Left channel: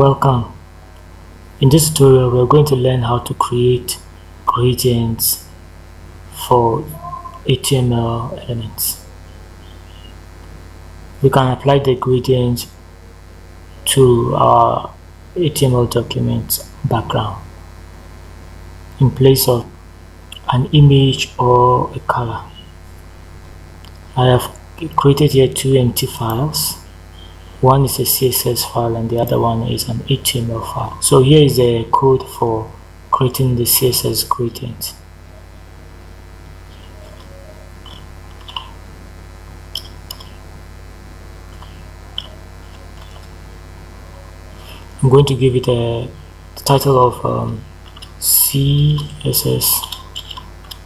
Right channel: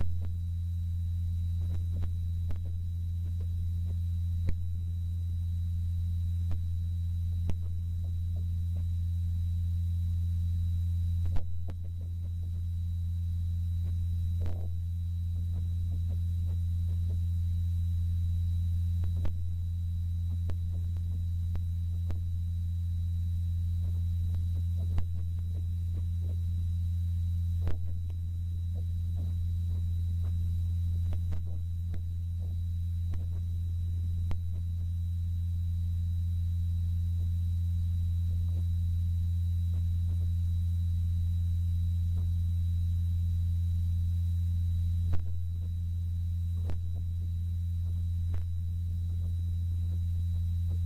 Welcome. In this tutorial, we're going to learn how to create gradients for HTML elements. We can apply the gradient to our HTML document background in place of an image or a color. I have created here two empty files. One is a CSS file and the other one is an HTML file. So here is the code for creating the CSS gradient. I'm going to give it the title of CSS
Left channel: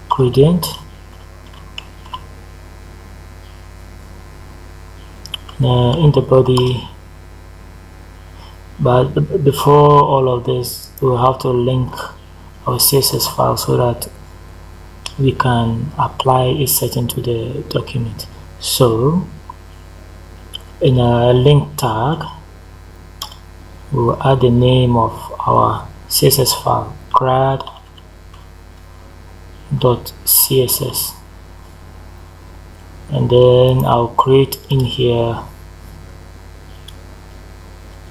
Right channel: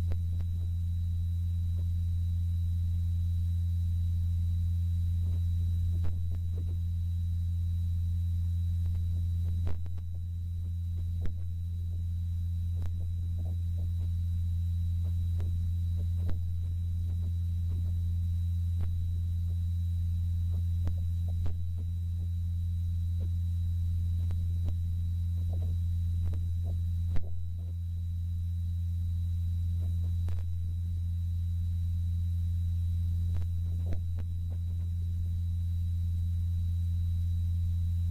gradient. In the body, but before all of this, we'll have to link our CSS file so that we can apply a setting to the document. So in a link tag, we'll add the name of our CSS file, grad.css, and then I'll create in here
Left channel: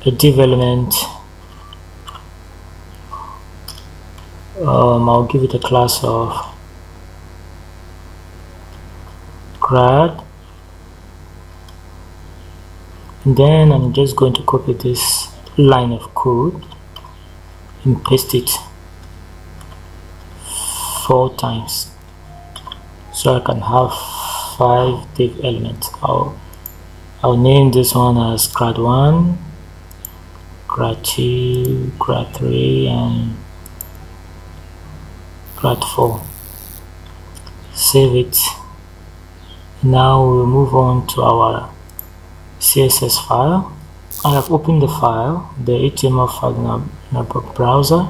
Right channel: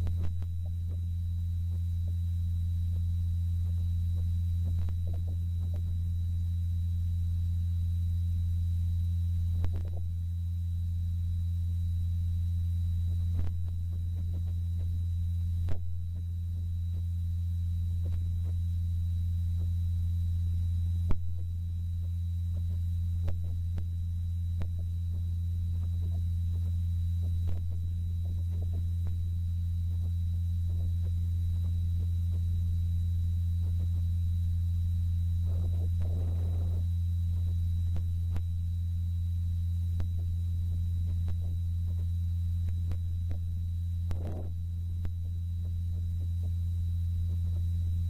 a div element. I'll give it a class of grad, and then I'm just going to copy this line of code and paste it 4 times so I can have 5 div elements. I'll name this one as grad1, grad2, grad3, and grad4. Save it. Now we'll move on to our CSS file. I have opened the file, the HTML file in our browser,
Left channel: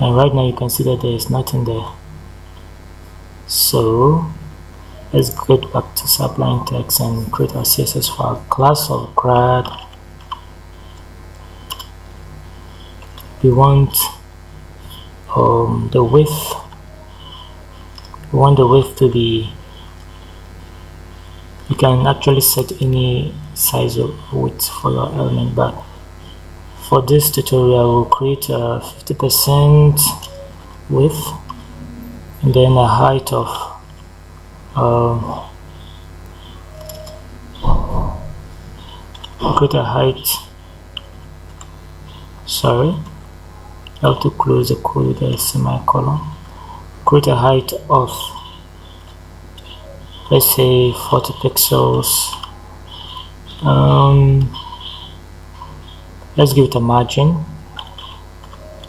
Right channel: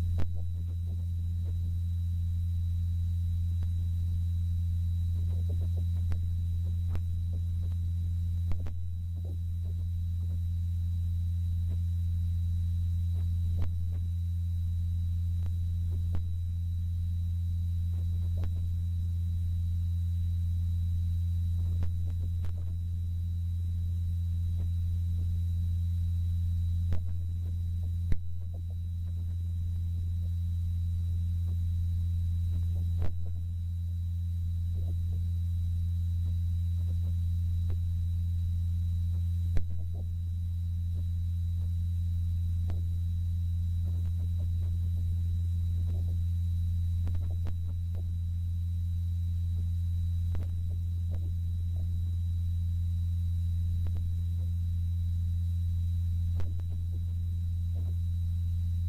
and right now you can see that there is nothing there. So let's get back to supplying text and create our CSS file. Class of grad. We want the width. We want the width to be, you can actually set any size of width for your element, but for this tutorial we'll create a 50% width and then a height of create a height, sorry, I have to close the code with a semicolon. Create a height of, let's say, 40 pixels. Let's give it a margin.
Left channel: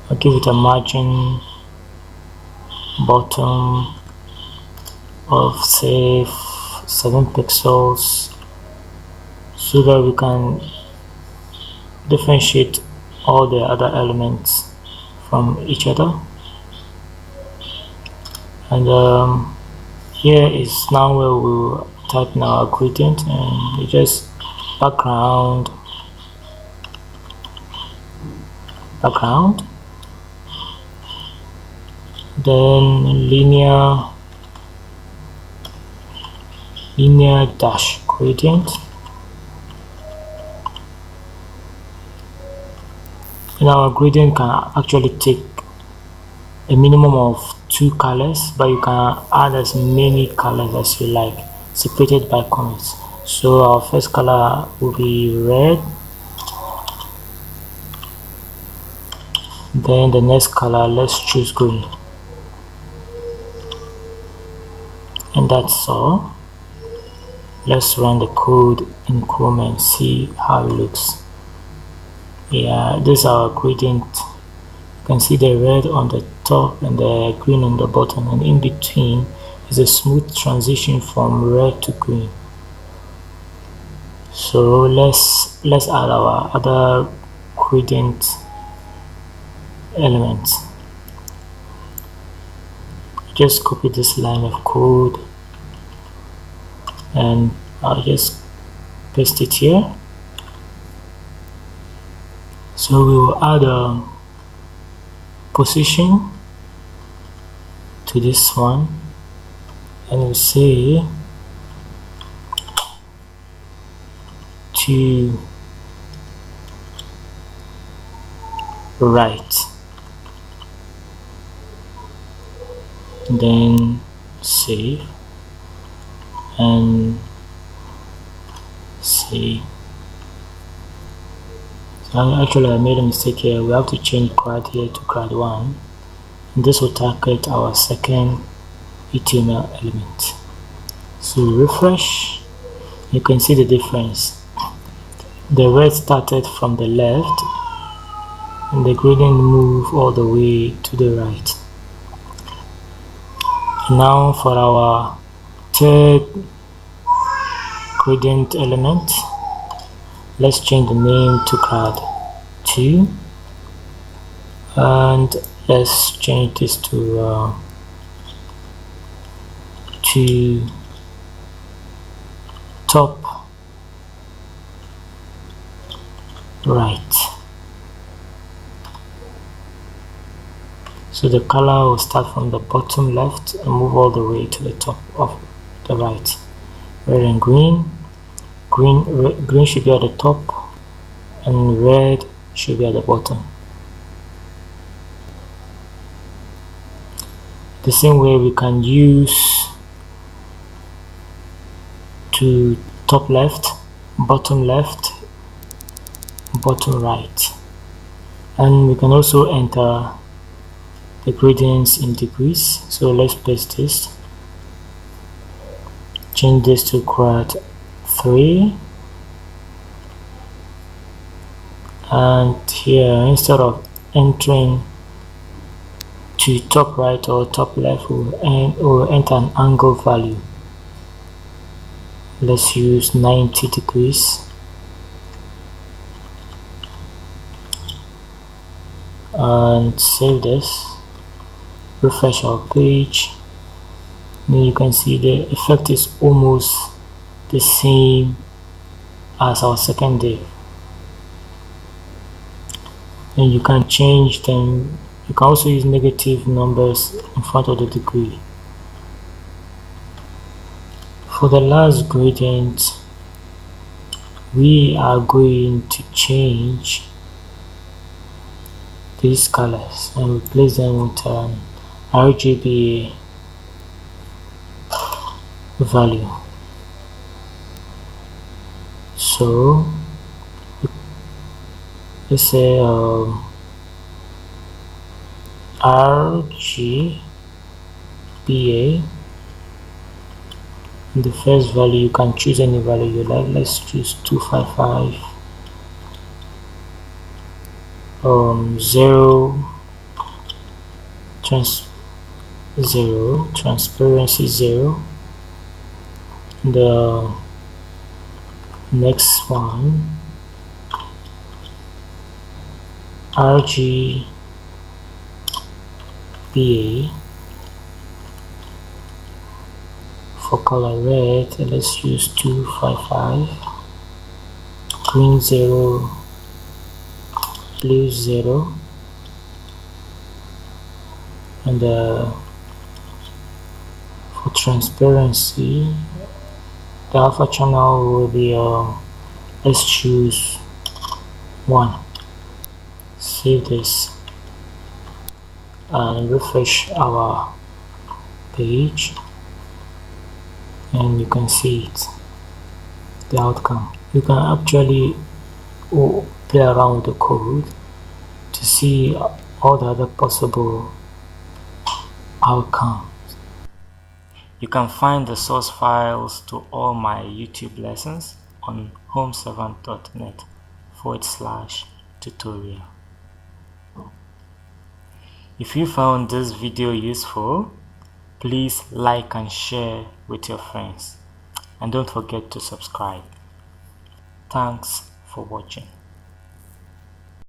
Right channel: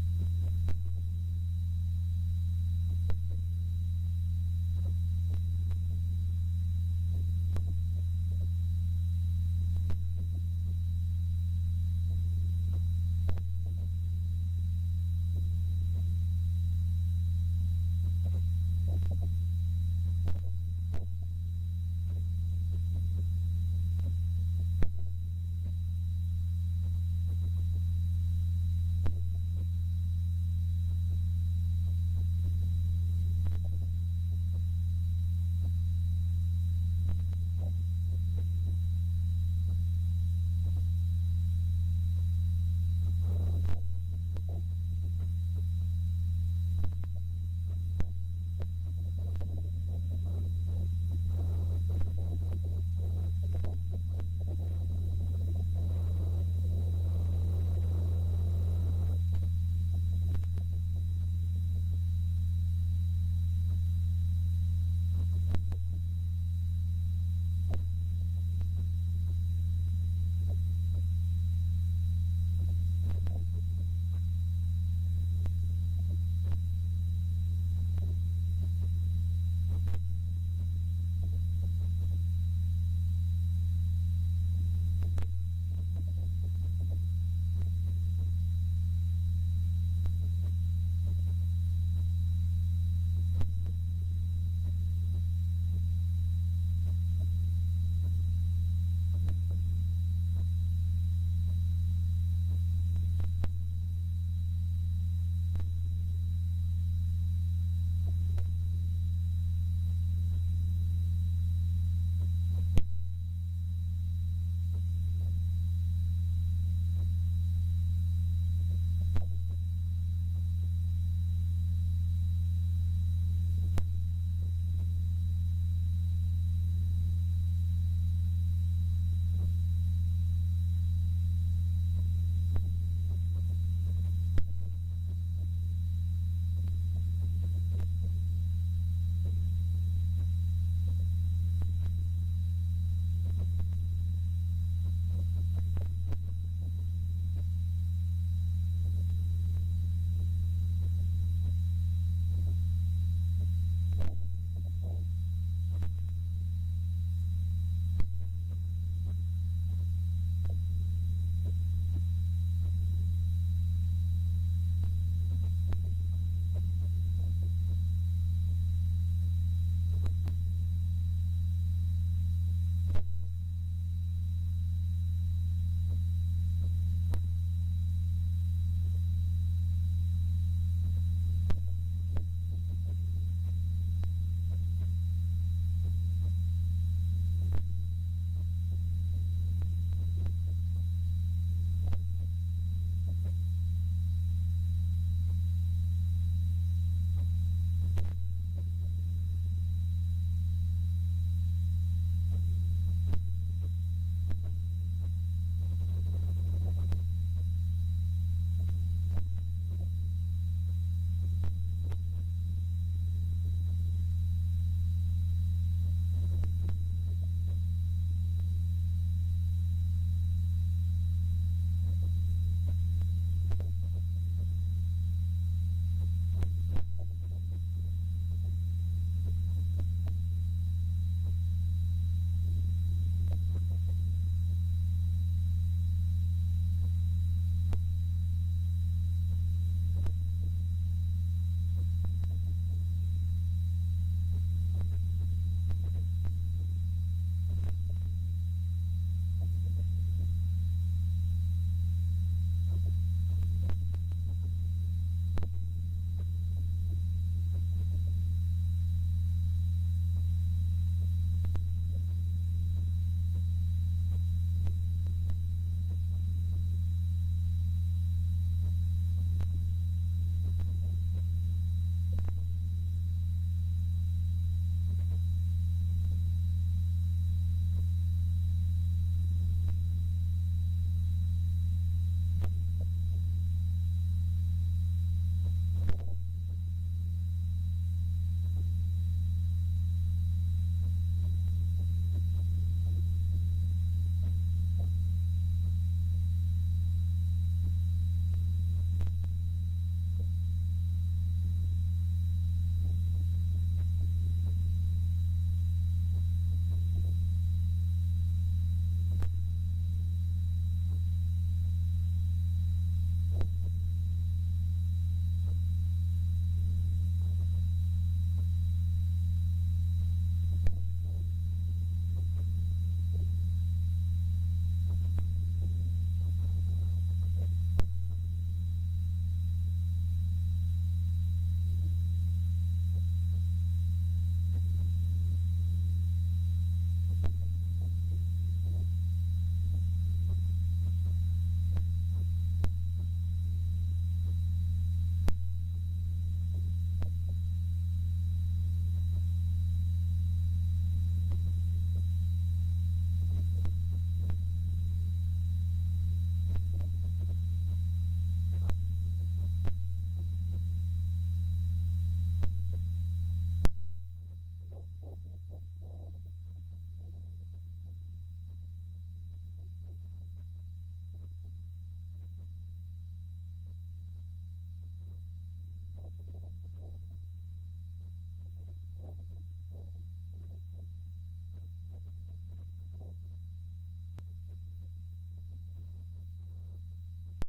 I'll give it a margin bottom of, say, 7 pixels so that we can differentiate all the other elements from each other. And here is now where we'll type in our gradient, and we just background, then linear dash gradient, and our gradient can actually take a minimum of 2 colors, but you can add as many colors as you like, separated by comments. So our first color will be red, then the next color, let's choose green, and that's all. Let's run the code in Chrome and see how it looks. Yeah, this is our gradient. You can see the red on the top and the green on the bottom, and in between is a smooth transition from red to green. So let's add our other gradient elements. Just copy this line of code and I'll just paste it here. So we will add a position to this one, and we'll say to right, then save and save. So actually I made a mistake here. We have to change grad here to grad 1, and this will target our second HTML element. So refresh, you can see the difference. The red started from the left and the gradient moved all the way to the right. Now for our third gradient element, let's change the name to grad 2, and let's change this to top right. So the color will start from the bottom left and move all the way to the top of the right. Red and green. Green should be at the top and red should be at the bottom. The same way we can use to top left, bottom right, and we can also enter the gradients in degrees. So let's paste this, change this to grad 3, and here instead of entering to top right or top left, we'll enter an angle value. Let's use 90 degrees, and save this, refresh our page. Now you can see the effect is almost the same as our second div, and you can change them. You can also use negative numbers in front of the degree. For the last gradient, we are going to change these colors and replace them with an RGB value. So let's say RGBA. The first value, you can choose any value you like. Let's choose 255, 0 transparency 0. The next one, RGBA. For color red, let's use 255, green 0, blue 0, and for transparency, the alpha channel will be let's choose 1. Save this and refresh our page, and you can see it, the outcome. You can actually play around with the code to see all the other possible outcomes. You can find the source files to all my YouTube lessons on homeservant.net/tutorial. If you found this video useful, please like and share with your friends, and don't forget to subscribe. Thanks for watching.